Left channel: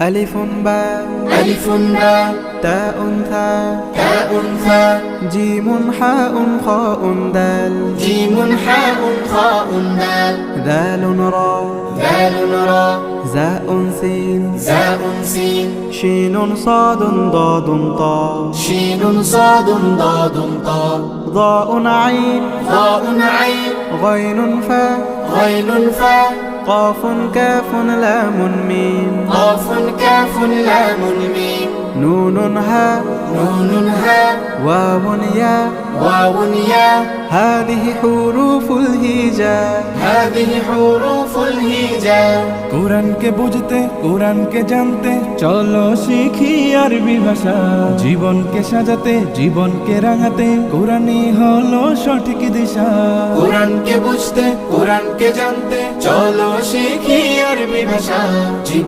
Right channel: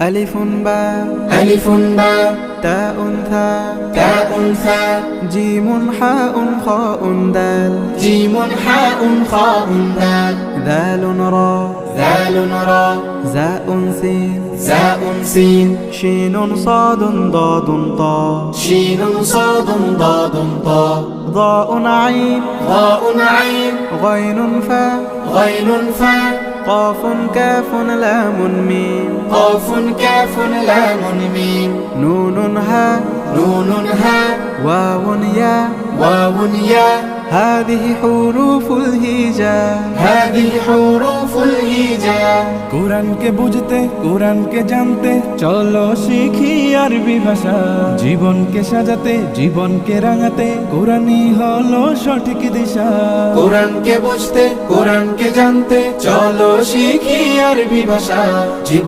ألف باء ألف باء تاء ثاء تاء ثاء جيم حاء خاء دال جيم حاء خاء دال ذال راء ذال راء زاء سين زاء سين شين صاد ضاد طاء شين صاد ضاد طاء ضاء عين ضاء عين غين فاء غين فاء قاف كاف لام ميم قاف كاف لام ميم نون هاء نون هاء واو ياء واو ياء هذه حروف الهجاء هذه حروف الهجاء কোরআনকে বুঝতে কোরআনকে জানতে চলো শিখি আরবি ভাষা জীবনকে সাজাতে জীবনকে রাঙাতে কোরআনই হলো সঠিক দিশা কোরআনকে বুঝতে কোরআনকে জানতে চলো শিখি আরবি ভাষা